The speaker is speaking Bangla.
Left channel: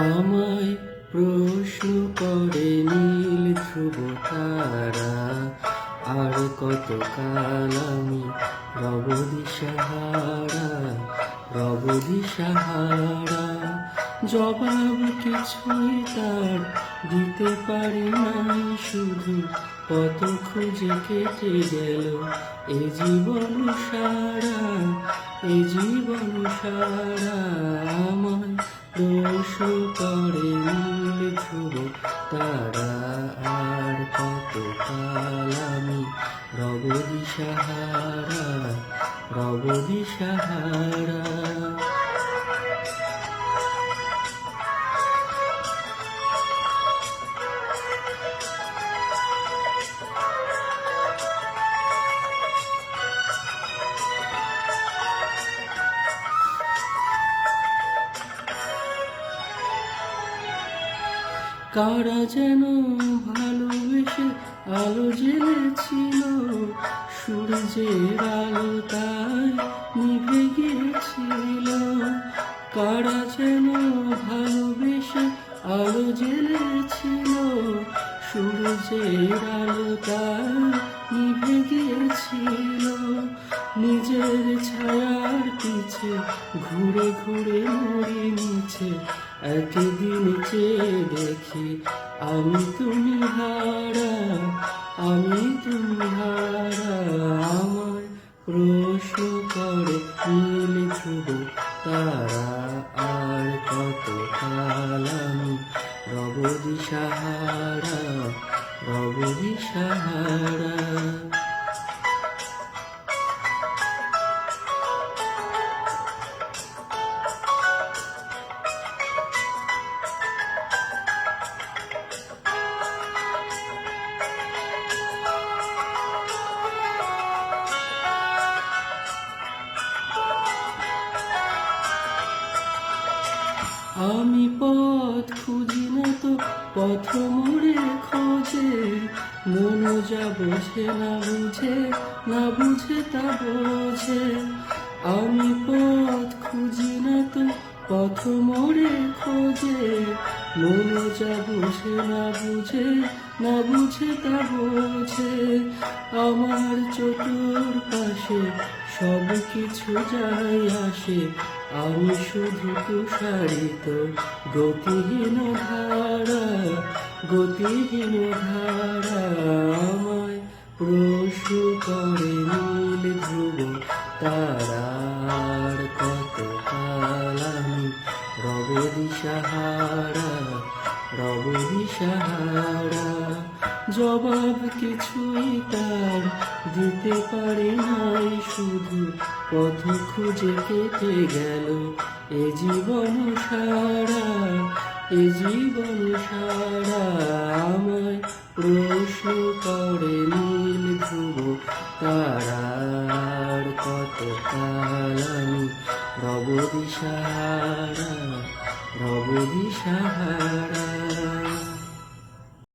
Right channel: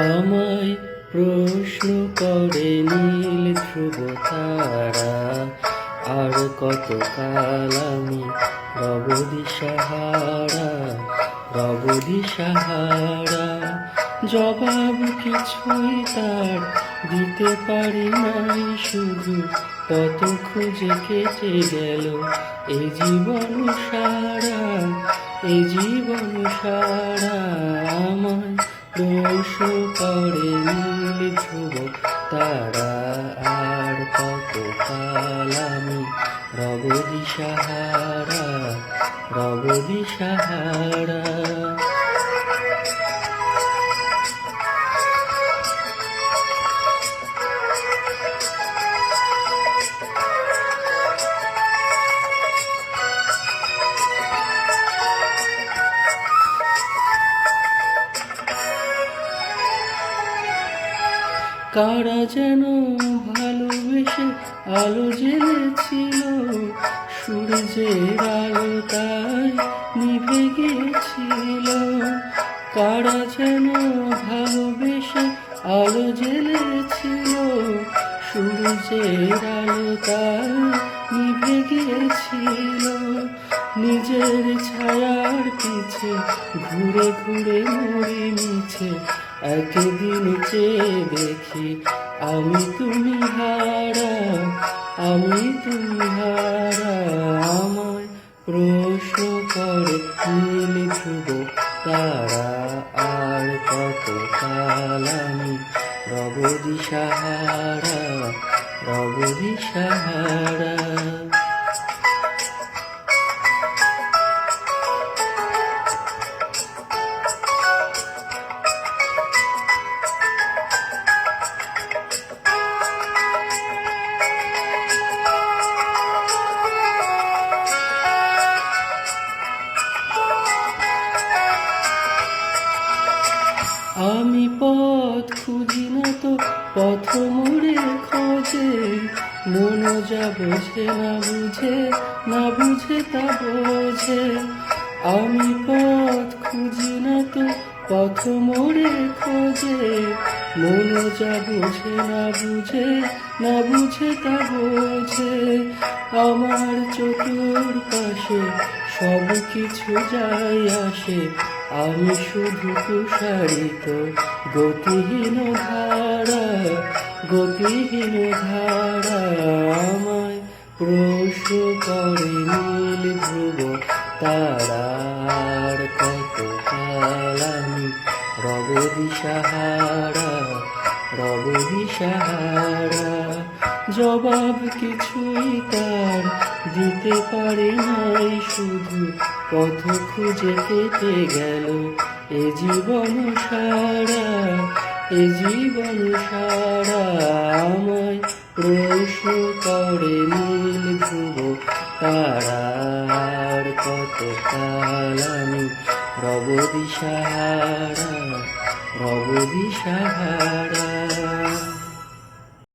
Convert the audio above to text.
আমায় প্রশ্ন করে নীল ধ্রুব তারা, আর কত কাল আমি রব দিশাহারা, রব দিশাহারা। জবাব কিছুই তার দিতে পারি নাই, শুধু কত খুঁজে কেটে গেল এ জীবন সারা, এ জীবন সারা। আমায় প্রশ্ন করে নীল ধ্রুব তারা, আর কত কাল আমি রব দিশাহারা, রব দিশাহারা। কারা যেন ভালোবেসে আলো জ্বেলেছিল, সূর্যের আলো তাই নিভে গিয়েছিল। কারা যেন ভালোবেসে আলো জ্বেলেছিল, সূর্যের আলো তাই নিভে গিয়েছিল। নিজের ছায়ার পিছে ঘুরে ঘুরে মরে নিচে, একদিন চেয়ে দেখি আমি তুমি হারা, আমি তুমি হারা। আমায় প্রশ্ন করে নীল ধ্রুব তারা, আর কত কাল আমি রব দিশাহারা, রব দিশাহারা। আমি পথ খুঁজি না তো পথ মোড়ে খোঁজে, মন যা বোঝে না বুঝে, না বুঝে তা বোঝে। আমি পথ খুঁজি না তো পথ মোড়ে খোঁজে, মন যা বোঝে না বুঝে, না বুঝে তা বোঝে। আমার চতুর্পাশে সব কিছু যাই আসে, আমি শুধু তুষারিত গতিহীন ধারা, গতিহীন ধারা। আমায় প্রশ্ন করে নীল ধ্রুব তারা, আর কত কাল আমি রব দিশাহারা, রব দিশাহারা। জবাব কিছুই তার দিতে পারি নাই, শুধু পথ খুঁজে পেতে গেল এ জীবন সারা, এ জীবন সারা। আমায় প্রশ্ন করে নীল ধ্রুব তারা, আর কত কাল আমি রব দিশাহারা, রব দিশাহারা।